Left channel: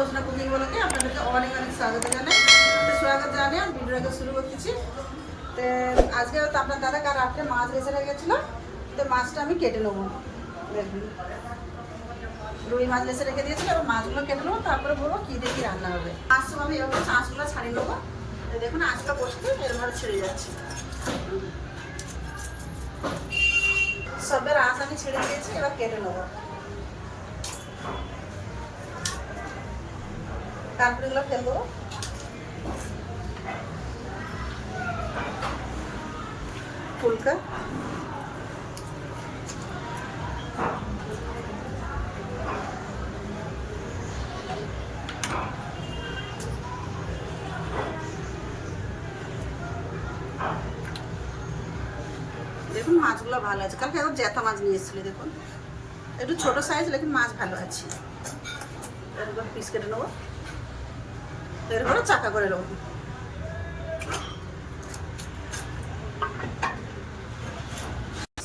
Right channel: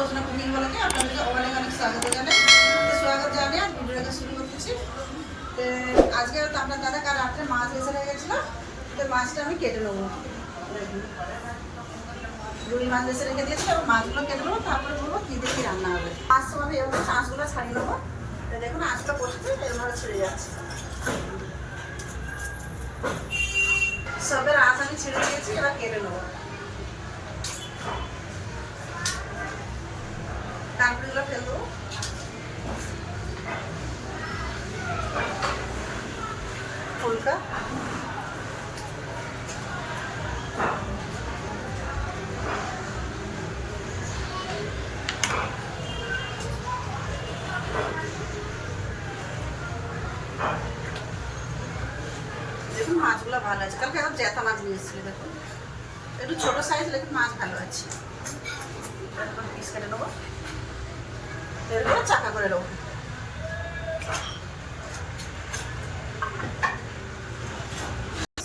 জোসনা cooking বলে আপনাদেরকে অনেক অনেক স্বাগত জানাই। স্বাগত জানিয়ে ভিডিওটাকে শুরু করতেছি। আজকে আপনার দাদা কাল রাত্রে মাছ বেছে রেখে গেছিল। তো মাছটা আমি কেটে নেব। দেখুন। রুই মাছ বেছে রেখে দিয়েছি এবং মাছগুলো কেটে নেব। তারপরে বলব কী কী রান্না হবে। মাছ আমি এভাবে চাঁচগুলো ছাড়িয়ে নেব। দেখুন, আঁচটা বসতে এরভাবে ছেড়ে যাচ্ছে। সবের আঁচ আমি ছেড়ে দিয়েছি, এবার কেটে নেব। কাঁকড়িগুলো ফেল দেবো। ফুলকা দেখুন মাছগুলো ভালো আছে। কালকে এখন জ্যাথা মাছ নিয়ে এসেছিলি, দেখুন। একটু ছোট সাইজ লেকিন মাছ ভালো আছে। পিস কেটে নেব। তো এরকম চাকা করে নেব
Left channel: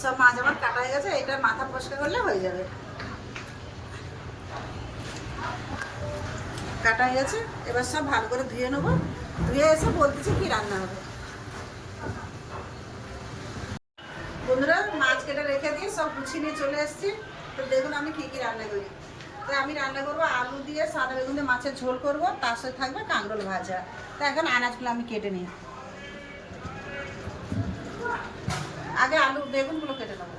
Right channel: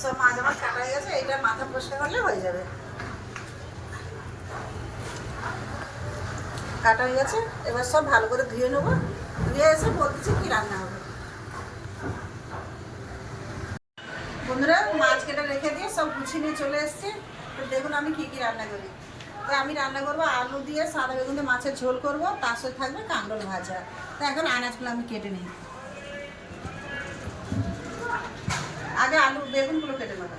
সব মাছ আমার কাটা হয়ে গেছে, এটা মাথা পরিষ্কার করলে হয়ে যাবে। কাটা হয়ে গেছে, এবার সব ভালো করে ধুয়ে নেব। ধুয়ে এসে বলতেছি কি রান্না হবে। বন্ধুরা, মাছ কেটে রেখে দিয়ে সব গুছিয়ে নিয়ে চলে এসেছি। তো দেখুন আমি কী কী রান্না করি। তো আমি রান্না করব আলু দিয়ে সাদা বেগুন দিয়ে মাছের ঝোল করব, তার সাথে থাকবে কাঁকরোল ভাজা। তা এখন আনাজগুলো আমি কেটে নিই। আগে আলু, বেগুনগুলো কেটে নেব।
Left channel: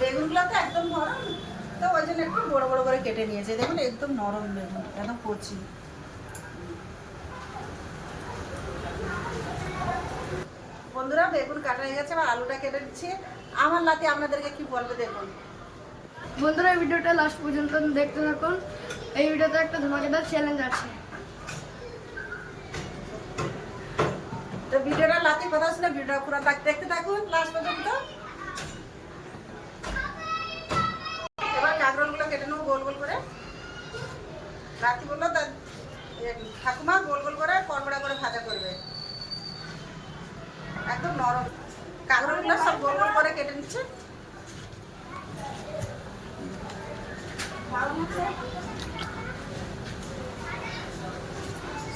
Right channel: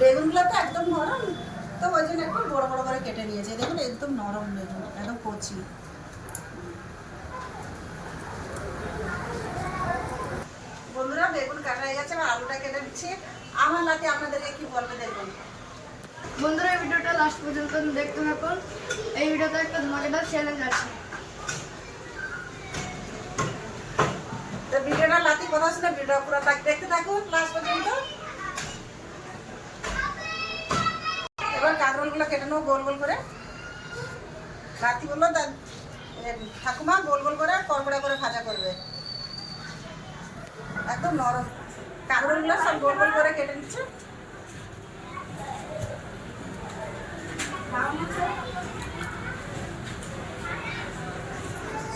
বেগুনগুলো তো একদম নরম, তো ওই জন্য একটু বড় বড় করে কেটে নিয়েছে। দেখুন, একদম নরম বেগুন, একদম কচি। বন্ধুরা, বেগুন কাটা হয়ে গেছে আলুটা কেটে দিচ্ছি আমার লাতে আপনাদেরকে কি বলবে দেখুন। বন্ধুরা এই ভিডিওটা লাস্ট পর্যন্ত দেখতে থাকুন। এই ভিডিওতে একটা ধমাকেদার চ্যালেঞ্জ আছে। তো ভিডিওটা লাতি কথা ছিল ভিডিও পুরো দেখতে থাকুন লাস্ট পর্যন্ত। এবার কাঁকরোলগুলো কেটে নেব গোল গোল করে। রাতি বলল ঠাকুমা গোল গোল করে কড়কড়া করে ভাজা করবে। একদম নরম। কাঁকরোলগুলো সব গোল গোল করে কেটে নিচ্ছে।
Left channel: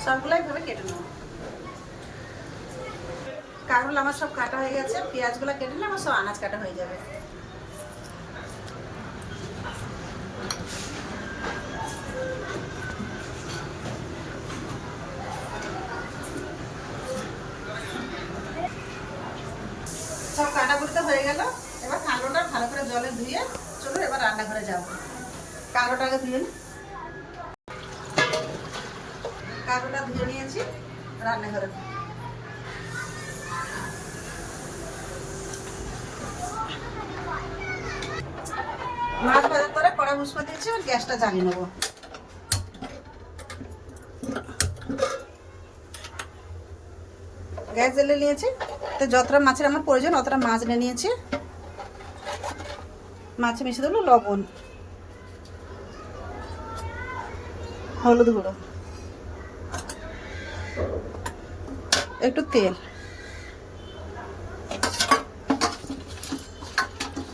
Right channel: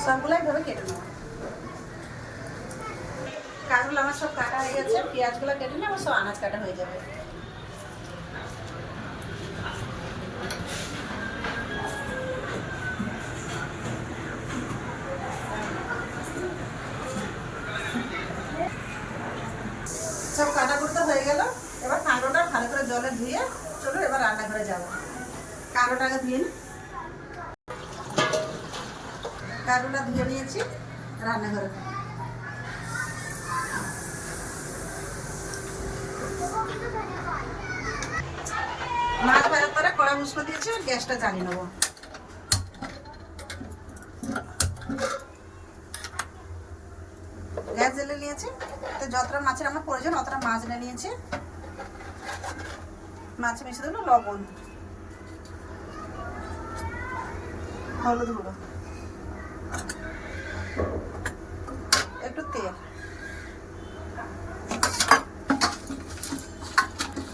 সবগুলো এইভাবে কেটে নেব। কাঁকরোল আমার সব কাটা হয়ে গেছে। পেঁয়াজগুলো কেটে নিলে আমার সব আনাজ কাটা হয়ে যাবে। সব কাটা কুটতে হয়ে গেল। এবার কাঁকড়োটা ভালো করে জলে ধুয়ে চলো এবার রান্নাঘরে যাব। কাঁকড়োটা আগে ধুয়ে নি। ধুয়ে নিয়েছি, রান্নাঘরে। মাছ ভাজার পরে কড়াই উস্কো দিয়েছি আর গ্যাসটা জ্বালিয়ে নেব। গ্যাস জ্বালিয়ে নিয়েছি। তো যতটা মাছের আমার প্রয়োজন, অতটা মাছ নিয়ে নিয়েছি। মাছে মিশে দেবো লবণ। হলুদ গুঁড়ো একটু তেল।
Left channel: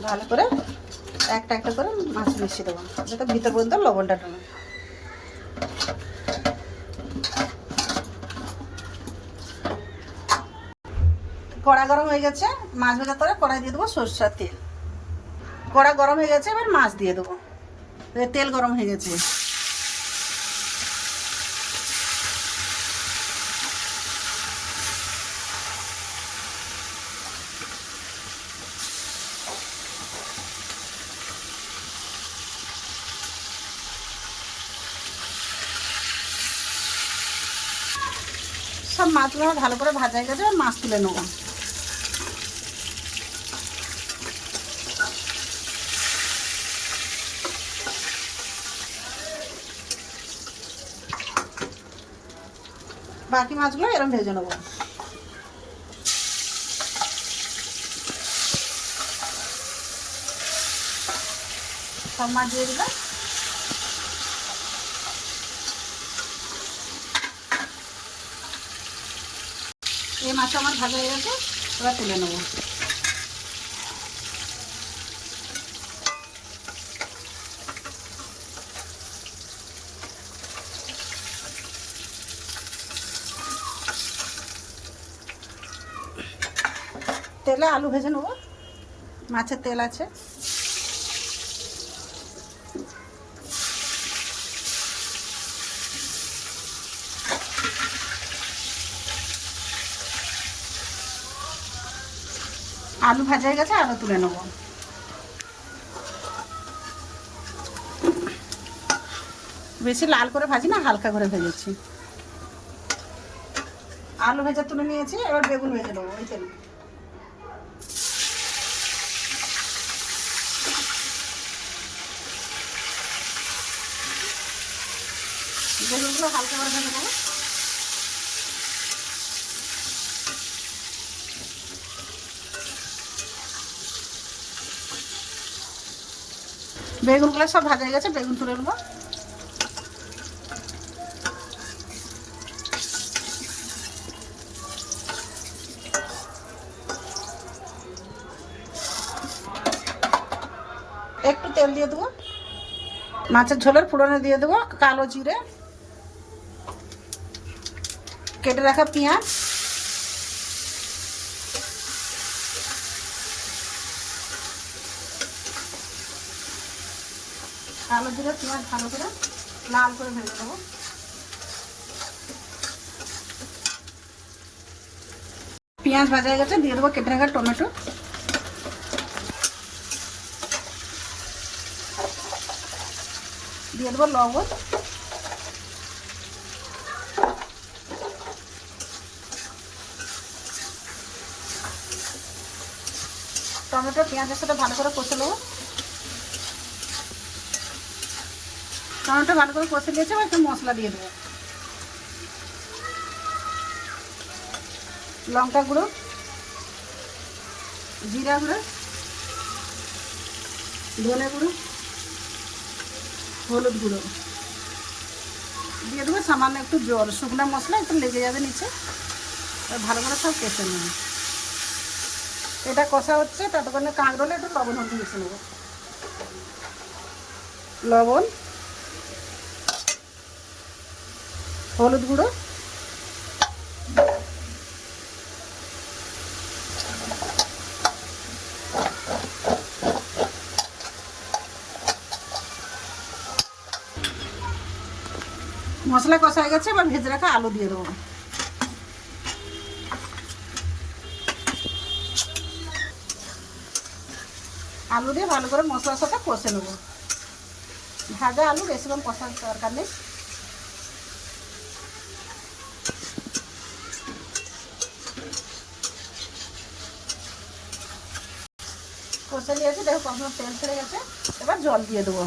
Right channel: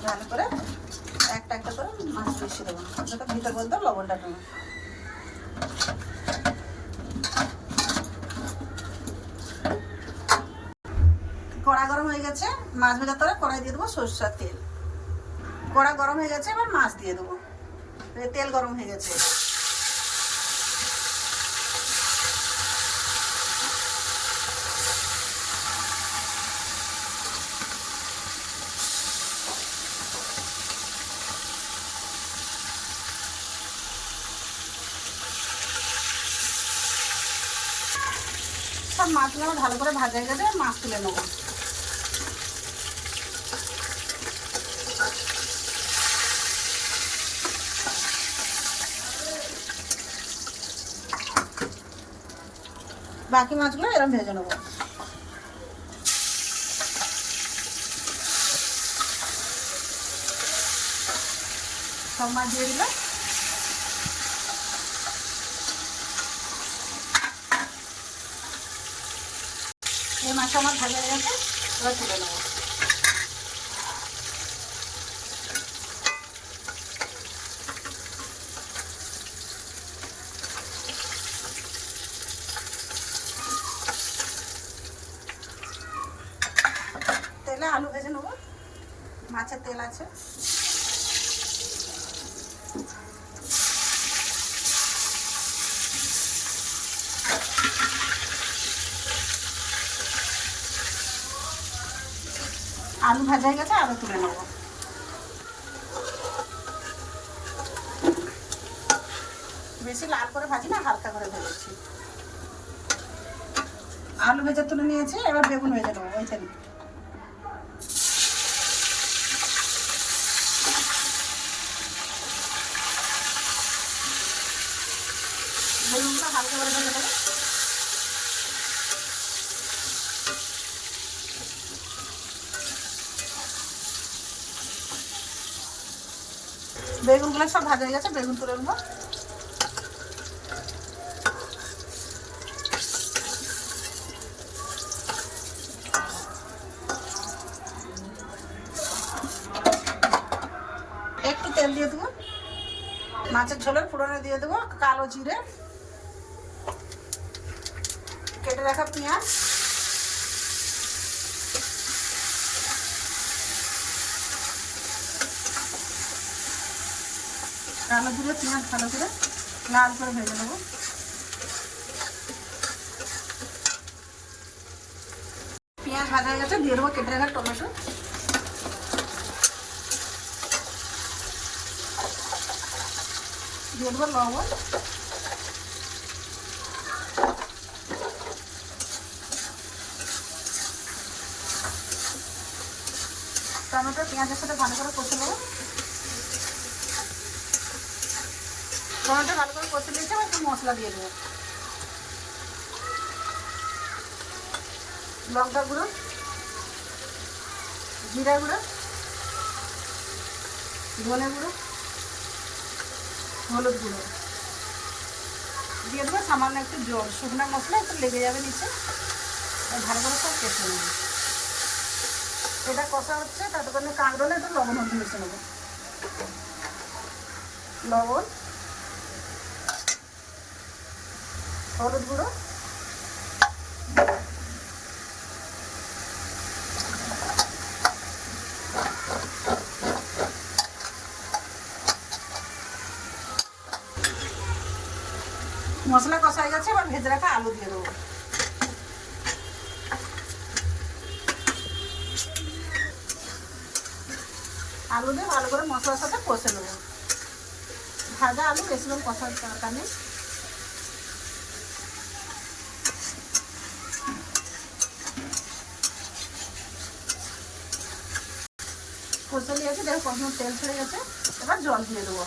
ভালো করে একটা একটা করে মাছ মিশিয়ে দেবো। যাতে ভিতর পর্যন্ত লবণটা ঢুকে। কড়া গরম হয়ে গেছে, মাছ ভাজার পরে কড়াই দিয়ে দেবো সরষার তেল। কড়া গরম হয়ে গেছে, এবার মাছ দিয়ে দেবো। তেল গরম হয়ে গেছে। সব মাছগুলো ভালো করে ভাজা হয়ে গেছে মাছ তুলে নেব। বাকি মাছগুলো এরকম ভেজে নেব। সব মাছ এই মাছটা আমার ভাজা হয়ে গেছে, এবার তুলে নেব। তেলে আলু ভেজে নেব। মাছের তেল আছে। আলু ভাজা হয়ে গেছে আলু তুলে নেব। বেশি লাল করে ভাজি না, হালকা করে ভেজেছি। আলু ভেজা তুলে নিয়েছি, এবার বেগুন ভেজে নেব, ওই তেলে। বেগুনগুলো হালকা করে দেবো বেগুনগুলো সব ভাজা হয়ে গেছে, বেগুন তুলে নেব। একটু তেল দিয়ে দেবো। মাছের ঝোলের ফোড়নে দিয়ে দেবো, কালো জিরে। কেটে রাখা পেঁয়াজ। কালো জিরে পেঁয়াজ ভালো করে লাল করে ভেজে নেব। পেঁয়াজ ভাজা হয়ে গেছে, দিয়ে দেবো কেটে রাখা টমেটো। দিয়ে দেবো লবণ। টমেটো, পেঁয়াজের সাথে ভালো করে কষে নেব। টমেটো ভালো করে কষে নিয়েছি, এবার একটু মশলা দিয়ে দেবো। লঙ্কা গুঁড়ো, জিরা গুঁড়ো, ধনে গুঁড়ো, হলুদ গুঁড়ো। দিয়ে দেবো সামান্য একটু জল, শুকনো মশলা একটু লেগে যাবে নিচে। ভালো করে সব কষে নেব। এটা কষা হচ্ছে ততক্ষণে কাঁকড়লে একটু লবণ হলুদ মিশে নেব। লবণ, হলুদ গুঁড়ো। মশলা কষা হয়ে গেছে, এবার ভেজে রাখা আলু দিয়ে দেবো। আলু দিয়ে ভালো করে মশলার সাথে কষে নেব। ভাজা আলু, বেশি বেশিক্ষণ কষার দরকার নেই। কষা আছে, দেখো কষানোর তেল ছেড়ে গেছে। এবার জল দিয়ে দেবো।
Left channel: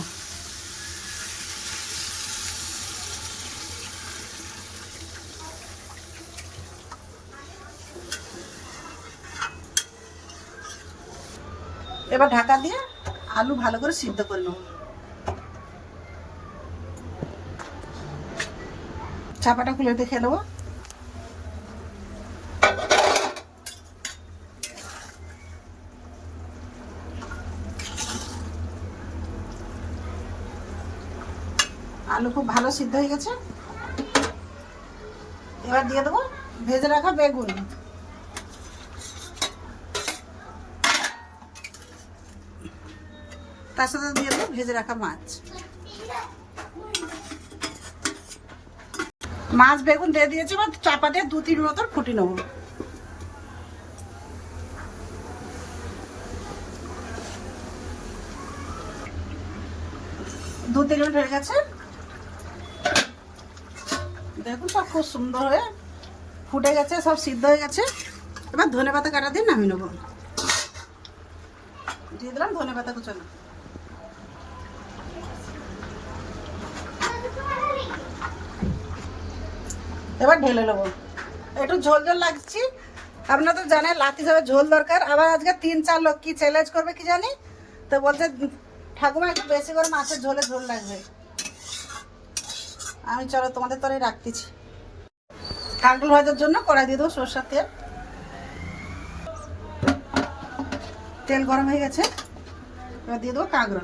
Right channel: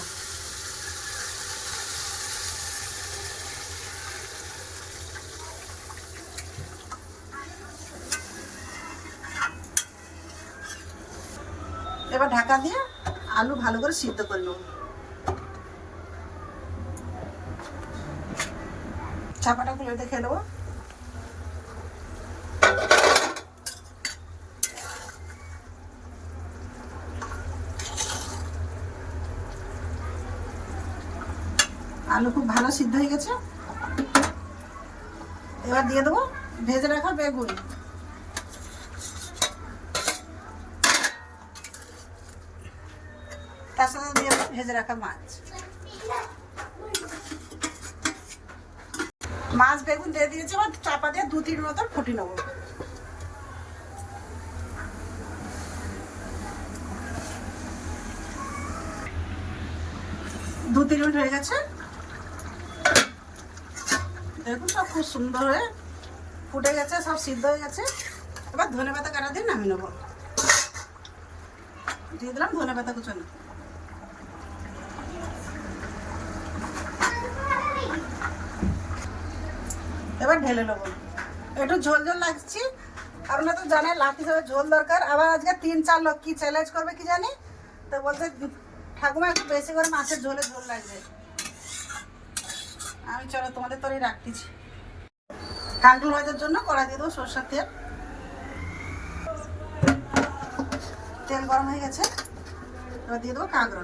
এবার ঢাকা দিয়ে আলু ভালো করে সিদ্ধ করে নেব। চাপাটা খুলে দেখে নেব। আলু খুব ভালো সিদ্ধ হয়ে গেছে। এবার দিয়ে দেবো ভেজে রাখা বেগুন। তার সাথে দিয়ে দেবো ভেজে রাখা মাছ। মাছ বেগুন দিয়ে দিয়েছে, এবার চাপা দিয়ে দু তিন মতন ফুটি নেব। দু তিন মিনিট হয়ে গেছে। দেখুন সব খুব সুন্দর হয়ে ফুটে গেছে, সব সিদ্ধ হয়ে গেছে। এবার ধনে পাতা কাটা দিয়ে নামিয়ে নেব। দিয়ে দিলাম ধনে পাতা কুচনো। এবার ঢেলে নেব। একটু ঝোল ঝোল লাগছি। আপনারা তো জানেন লাতি যাবে ঝোল দরকার। আবার আজকে তিন চার লোক কি চ্যালেঞ্জ করবে কি জানি? তো বলছে, ঠাকুমা, একটু বেশি করে মাছের ঝোলে ঝোল লাগবে। আমি চলো তোমাদের তরে রাখতেছি। কাঁকল ভাজার জন্য কড়াই দিয়ে দেবো সরষার তেল। তেল গরম হয়ে গেছে। এবার দিয়ে দেবো কাঁকড়া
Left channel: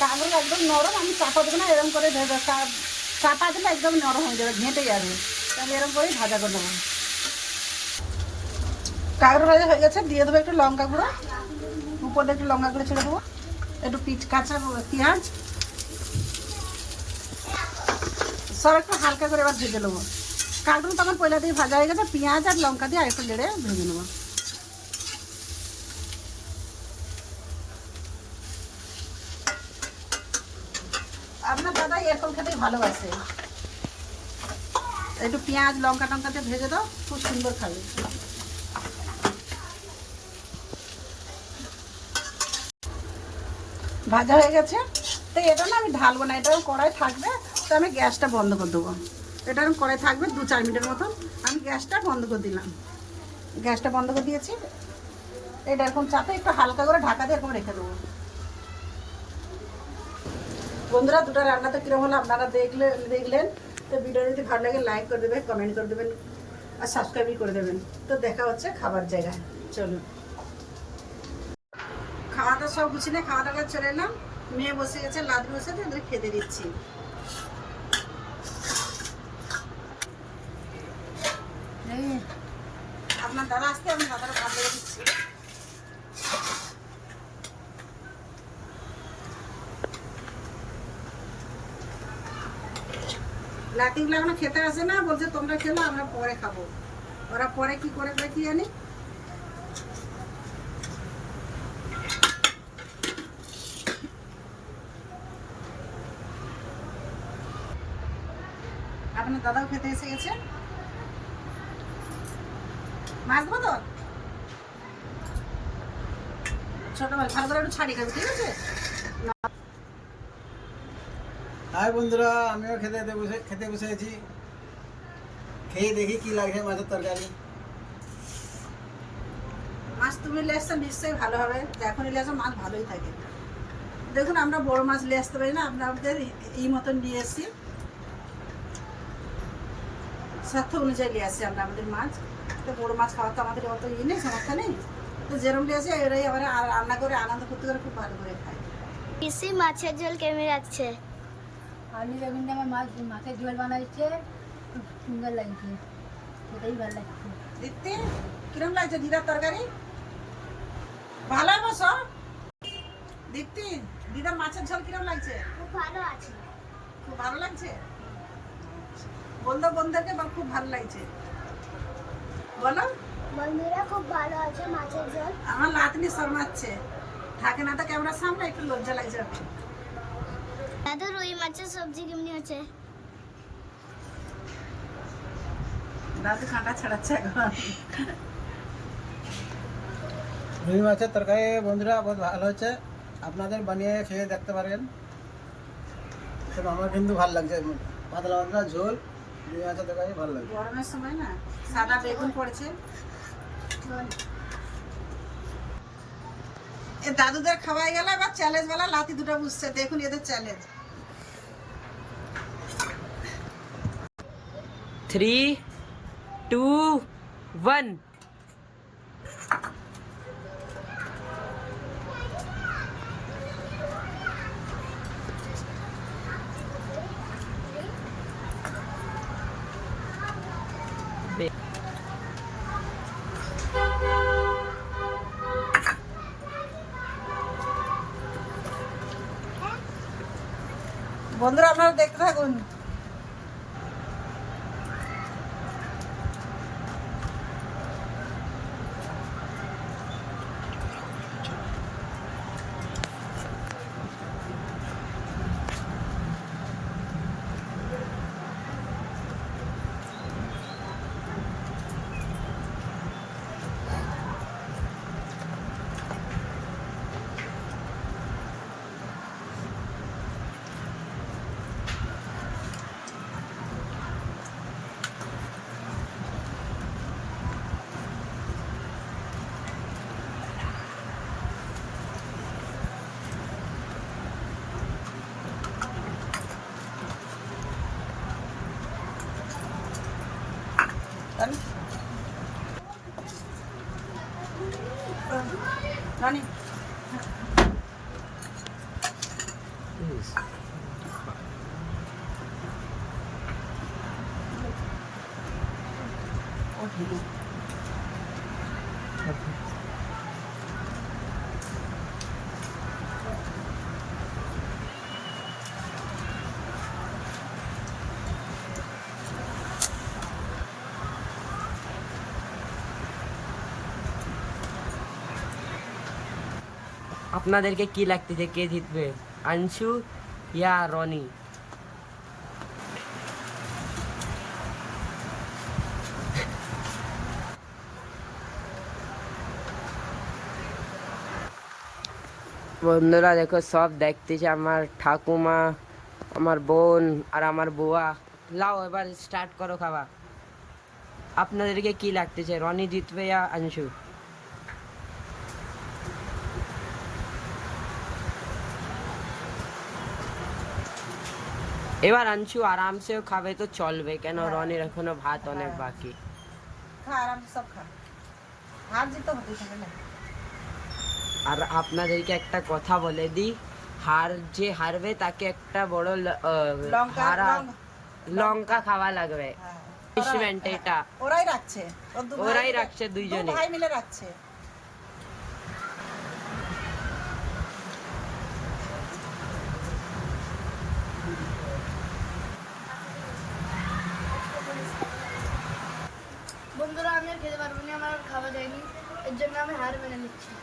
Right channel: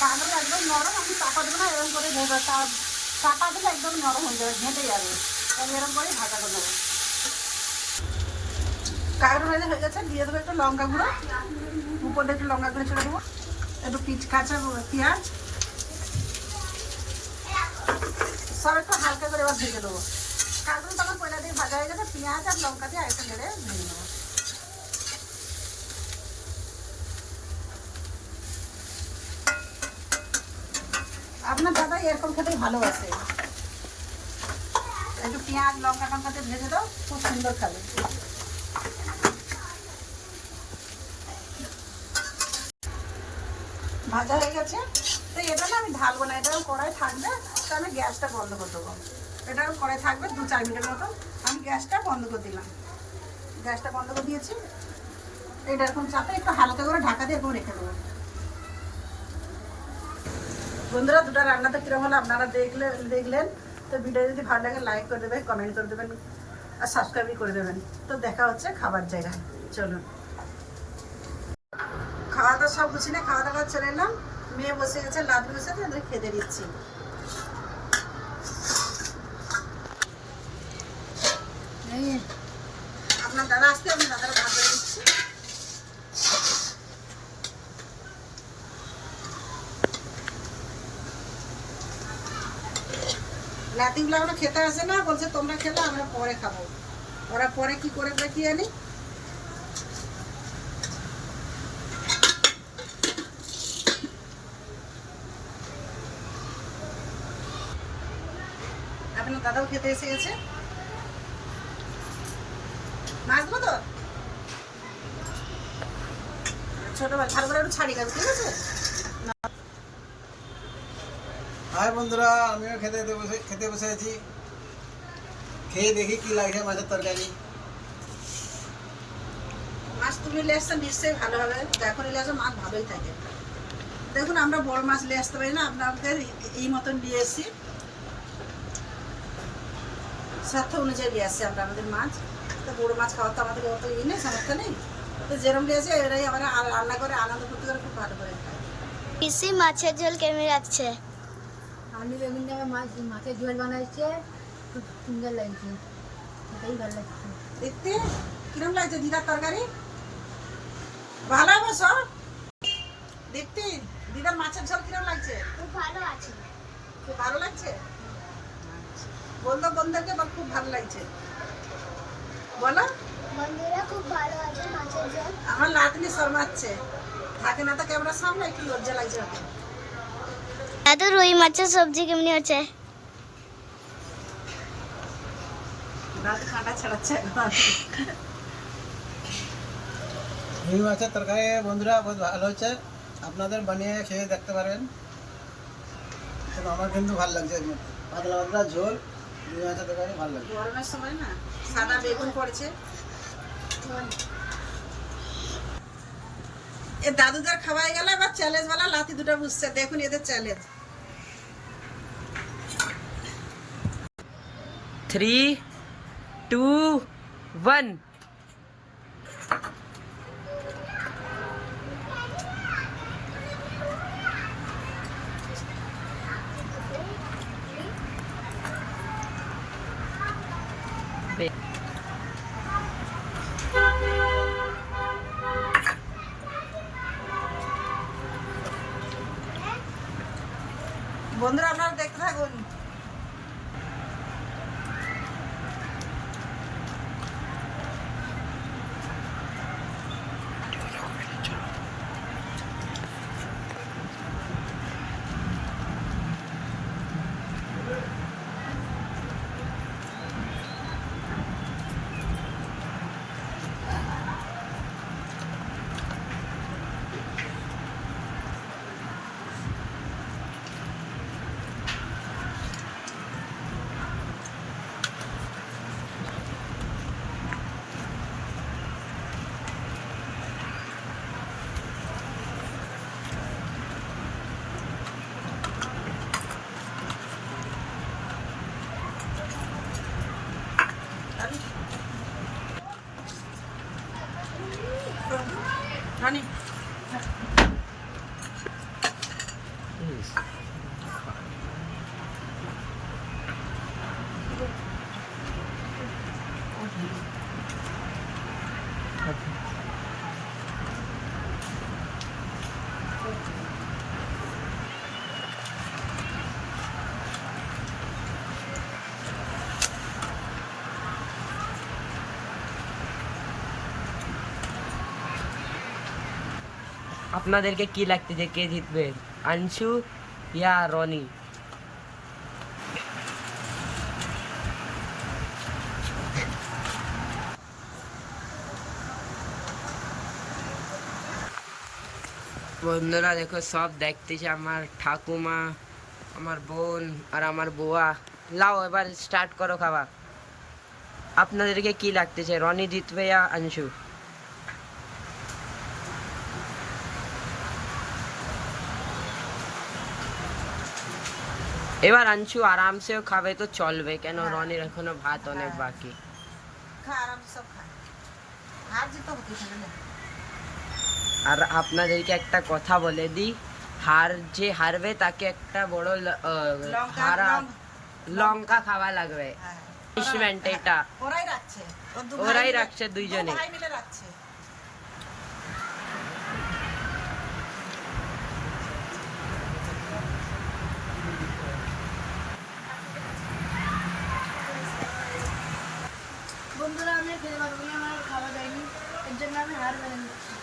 কাঁকড়া একদম নরম আমি চাপা দেবো না এরকম করে ভেজে চাপ দিলে একদম নরম হয়ে যাবে, ঘেঁটে যাবে। তাহলে এরকম করেই ভাজা করে দেবো। কাঁকড়া ভাজা হয়ে গেছে, দিয়ে দেবো একটু লঙ্কা গুঁড়ো। উপরে একটু লঙ্কা গুঁড়ো ছেড়ে দেবো। একটু পিচ কাঁচা পেঁয়াজ। সব একটু হালকা করে আবার ভেজে নেব। কাঁকড়া তখন পয়লা দিয়ে ভাজা হয়ে গেছে, পেঁয়াজ আর লঙ্কা দিয়ে আরেকটু নেড়ে ভেজে নেব আপনার দাদা এরকম খেতেই ভালোবাসে একটু পেঁয়াজ, লঙ্কা টঙ্কাতে ভেজে দাও, খুব সুন্দর খাবে। ভাজা হয়ে গেছে। তো এটা না আমি ঢালবো না, এটাও কড়াই থাকবে। তো আমি গ্যাসটা বন্ধ করে দেবো। এটা আমি কড়াই থাকবে দু চার মিনিটের মতো। আমি গ্যাসটা বন্ধ করে দিলাম। গ্যাসটা বন্ধ করে দিয়েছি। এটা এরকম চাপে একটু হালকা করে ঢাকা দিয়ে এরকম রেখে দেবো। বন্ধুরা, দুটো রান্না তো কীরকম হলো আপনারা দেখলে দেখলেন। তো ভিডিও যদি ভালো লাগে লাইক করে দেবেন কমেন্ট করে দেবেন, আর সাবস্ক্রাইবই করে দেবেন। তো দেখা হচ্ছে খাবার জায়গায়। চলুন। খাওয়া দাওয়া সব গুছিয়ে নিয়ে খাওয়া দাওয়া চলে এলাম। মেয়ে বসে গেছে, লাদ বসে ওদের খেতে দিচ্ছি। আপনার দাদা আসতে আমি দাদাকে ভাত দিচ্ছি। নাতিগুলো খেতে আসে না, বলছে, তোমরা খেলো, আমরা পরে খাব। ওরা পরে কি করে কি জানি? আপনার দাদাও খেতে এসে গেছে? মাছ দেবো তো? ছোট মাছ, ভালো করে একটু ছাড়ি খাবি, ঠিক আছে? হাই বন্ধুরা আমিও খেতে খেতে বসে খেতে বসে আছি। খেয়ে দেখি কি লাগছে মাছের তরকারি। মাছ তুমি নিয়ে আসছো নিশ্চয়ই ভালো হবে। যখন নিয়ে আসো মাছ ভালোই থাকে। দেখুন আমরা বড় মাছ নিয়ে আসতে পারি না আপনাদের এই মতন নিয়ে এসেছি স্বার্থ অনুযায়ী নিয়ে আসছি আমরা আমাদের মাছ। তো বড় মাছ খাওয়া তো আমাদের অত ই নেই সমস্যা নেই। তো যেরকম নিয়ে আসে এরাই আর রান্না করে আনন্দ করতে করে খুব ভালো করে খায়। পিসি মাছের ঝোল কেমন লাগছে? আমি বেগুন ডাঙা মাছ মাছের ঝোল বানাইছে। খুব সুন্দর লাগছে। সেটাই ভালো লাগছে। দেখতে? কিরম লাগছে দিদার তরকারি? ভালো হবে সব? দেখতে? দিদার মাছের ঝোল কিরম লাগছে? খুব ভালো আছে। খুব ভালো লাগছে? বলতো বন্ধুকে বল খুব ভালো লাগছে। বলো। বন্ধুরা খুব ভালো আছে মাছের ঝোল। আমার লাতনি শর্মাচ্ছে। থাকে না তো ক্যামেরার সামনে একটু লজ্জা লাগছে ওকে। দাদু রুই মাছের সবজি কেমনি হচ্ছে? দাদু কাঁটা ছাড়াচ্ছে রুই মাছের তরকারি বন্ধুরা বহুত ভালো হচ্ছে। আপনাদের বানিয়ে খেয়ে দেখতে পারেন তো আমার কিন্তু ভালো লাগছে। পাতলা পাতলা ঝোল রুই মাছের তরকারি ভালো লাগছে। গরমের সময় না সাদা বেগুন পড়েছে। দাদুদের খাওয়াই গেল এবার চ্যালেঞ্জ বলা লাথি দুটো বুঝছে দেখুন এদের চ্যালেঞ্জ থ্রি টু वन রানী আপনাদেরকে কি লাগতেছে কে জিতবে? আংশু ইয়া রনি। বন্ধুরা, দেখো, সব দেখতেছে আমার ঠাকুমা, আমার বোন আর আমার বুয়া। লাও, এবার স্টার্ট করো খাওয়া আপনাদেরকে কি লাগতেছে? রনি জিতবে ইয়া আংশু এবার আনছু আরামসেও খাবে তো চলবে। কেন রনির এখনও ভাত অনেক বাকি। হতে থাকে না। আর আপনাদেরকে একটা কথা বলে দিই হার যে হারবে তাকে একটা বড় হারা লঙ্কা। খাওয়া লাগবে। হ্যাঁ। পানিশমেন্ট এটা। ওরাই রাখছে। ওরাই রাখছে দুইজনে। মিলে রাখছে। বন্ধুরা আমি খেতে পারব না আমার খাওয়া যায়নি। এর জন্য আমি হার মেনে নিচ্ছি।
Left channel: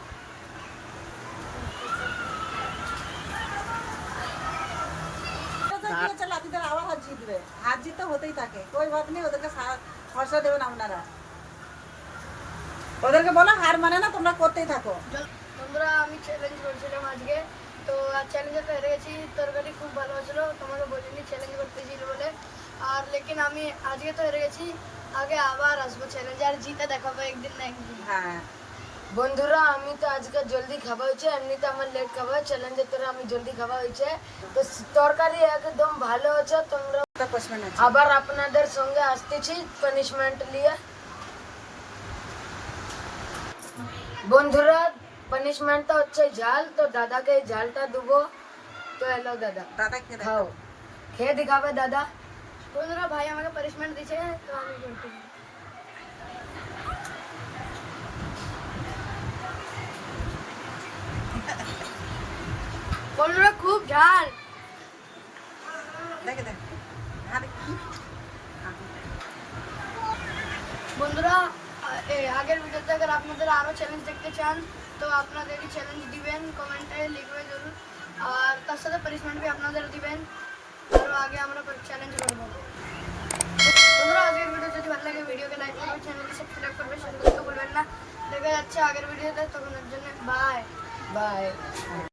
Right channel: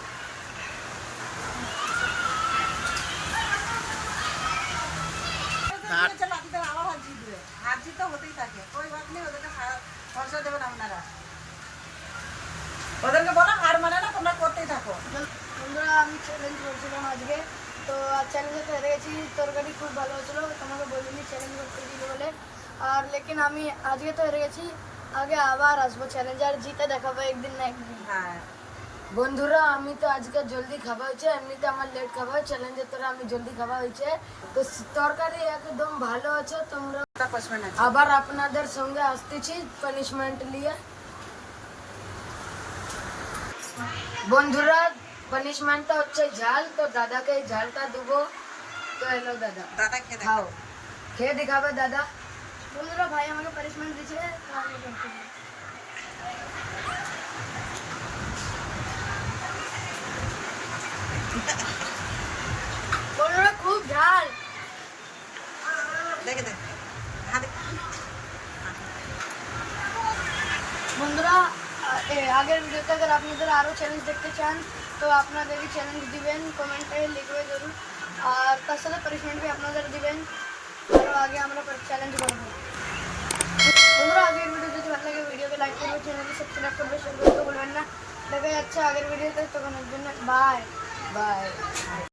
আবার হাত জিতবে। হাত জিততে হতেই থাকে। ওই ঘর ওদেরকে সারা- দেবেন আপনারা ওদেরকে বলো হার মানে না তোমরা করতেই থাকো। বন্ধুরা আমি চ্যালেঞ্জ করছিলাম আজকে। তো চ্যালেঞ্জে তো হেরে তরকারি খুব ভালো হয়েছিল। তোমাকে বলিনি চ্যালেঞ্জ করতে দিল বলে। আর লেকিন আমি আজকে তো হেরে গেছি আগে আবার আসব চ্যালেঞ্জে আর জিতে দেখাবো একদিন না একদিন হ্যাঁ বন্ধুরা আমি তো আজকে জলদি খাওয়া হয়েছে এমনিতে আমার লেট খাওয়া হয় চ্যালেঞ্জের তোরা আমি জলদি খাওয়া হয়েছে তো তরকারি একদম ভালো হয়েছে তোমরা একটা কোশ্চেন আছে আবার আপনাদের সঙ্গে আসতেছি পানিশমেন্ট নিয়ে বন্ধুরা পানিশমেন্টটা হচ্ছে ঝাল তো দাদাকে এই ঝালটা দেবো তো এলো দাদা দাদা খেয়ে খাও দেখো খেয়ে দেখাবে দাদা বন্ধুরা ভাই আমাকে পানিশমেন্ট দিয়েছে তো আমি করতে বন্ধুরা খুব ঝাল দেখে দেখ হ্যাঁ দেখ বন্ধুরা আ- এ, আগের ভিডিওতে আগে আপনাদের আরও চ্যালেঞ্জ দেখতে চান তো আপনাদেরই চ্যালেঞ্জ দিবেন কমেন্টে লিখবে জরুর আর তার সাথে পানিশমেন্ট বি আপনাদের দিবেন আরও আগে আমরা চ্যালেঞ্জ করব বন্ধুরা আগের ভিডিও যদি ভালো লাগে ভিডিওকে লাইক করবে চ্যানেলকে সাবস্ক্রাইব করবে শেয়ার করতে ভুলবেন না দেখা যাচ্ছে আগের ভিডিওতে তখন জন্য বাই বাই